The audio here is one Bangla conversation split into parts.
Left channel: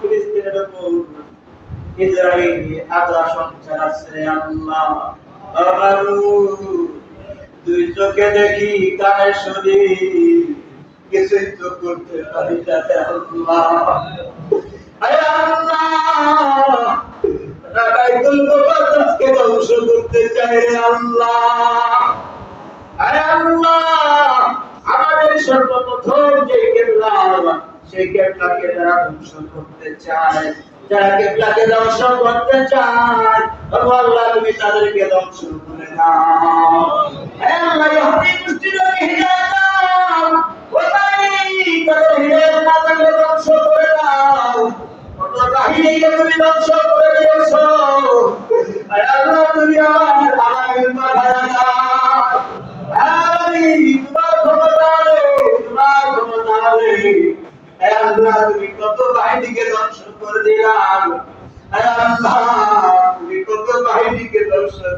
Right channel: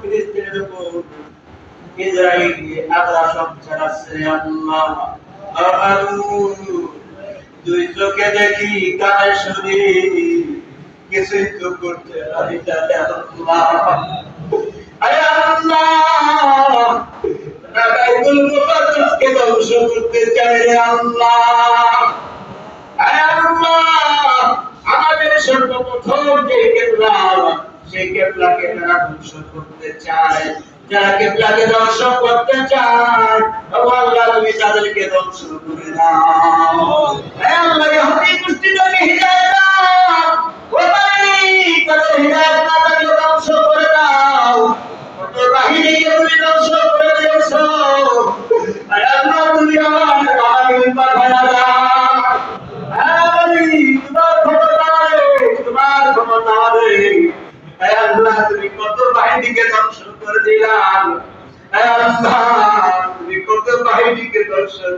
ফিলিস্তিনের উপর ইসরায়েল চালাচ্ছে আল্লাহ। দুই চোখে দেখি কানে শুনি কিছুই তো করতে পারি রে আল্লাহ। আরে ধ্বংস করতে চাই রে আল্লাহ। আরে আল্লাহ, আমাদের সর্বপ্রথম যে কেবলা সেই কেবলাকে তারা ধ্বংস করতে চায় যারা কেবলাকে ধ্বংস করতে চায় আল্লাহ তুমি তাদেরকে ধ্বংস করে দাও। হে আল্লাহ ইহুদি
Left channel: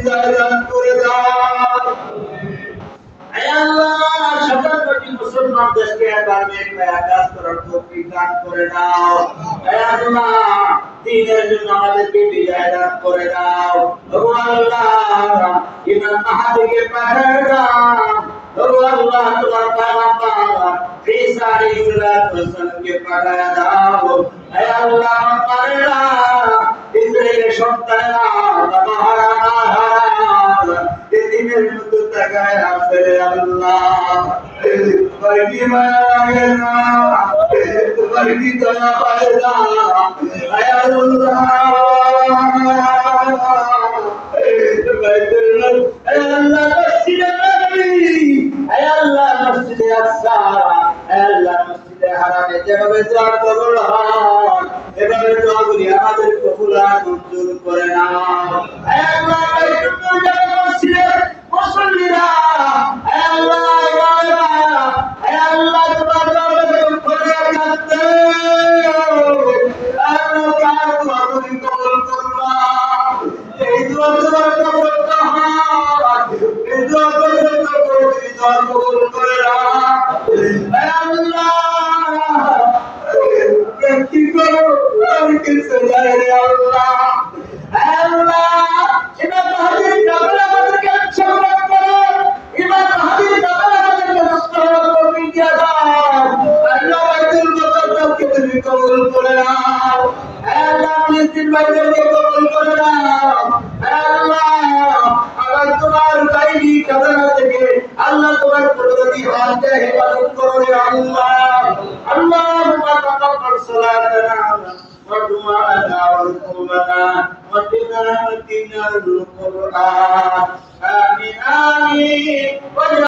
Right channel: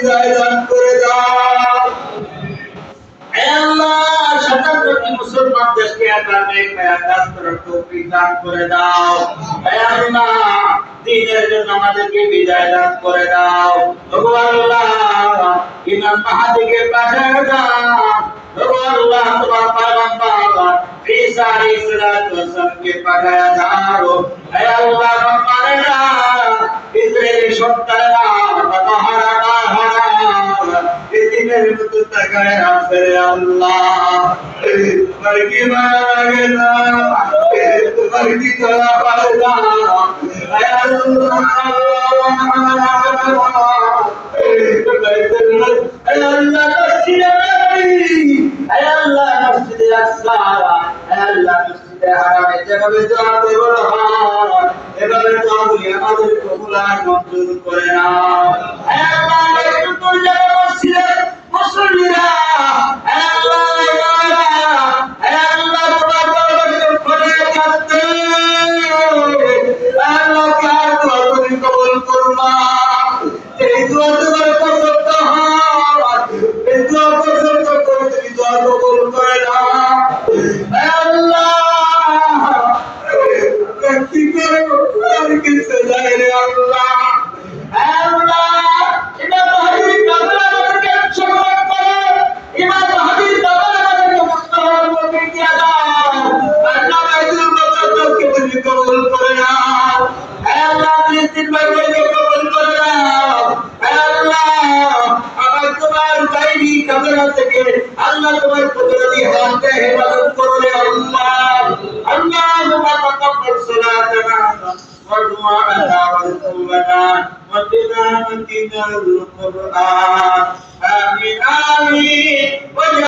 তুমি দান করে দাও। আল্লাহ শতাব্দী মুসলমান দেশকে আবার নেক কাজ করার তৌফিক দান করে দাও। আল্লাহ দ্বীনের জন্য আমাদেরকে বিজয় দান করে দাও। ওগো আল্লাহ, ইমাম মাহাদিকে পাঠিয়ে দাও। ওগো আল্লাহ, তোমার পয়গম্বর ঈসা আলাইহিস সালাতু পাঠিয়ে দাও। হে আল্লাহ মারেরা ইসরায়েলের সন্তানেরা আল্লাহ তোমার কি না না এভাবে আমাদের কবুল মঞ্জুর করে নাও আল্লাহ তোমার কুদরতি হাতে হেফাজত করো আল্লাহ আল্লাহুম্মা তাকাব্বাল সালাতানা ওয়া দুআনা ওয়া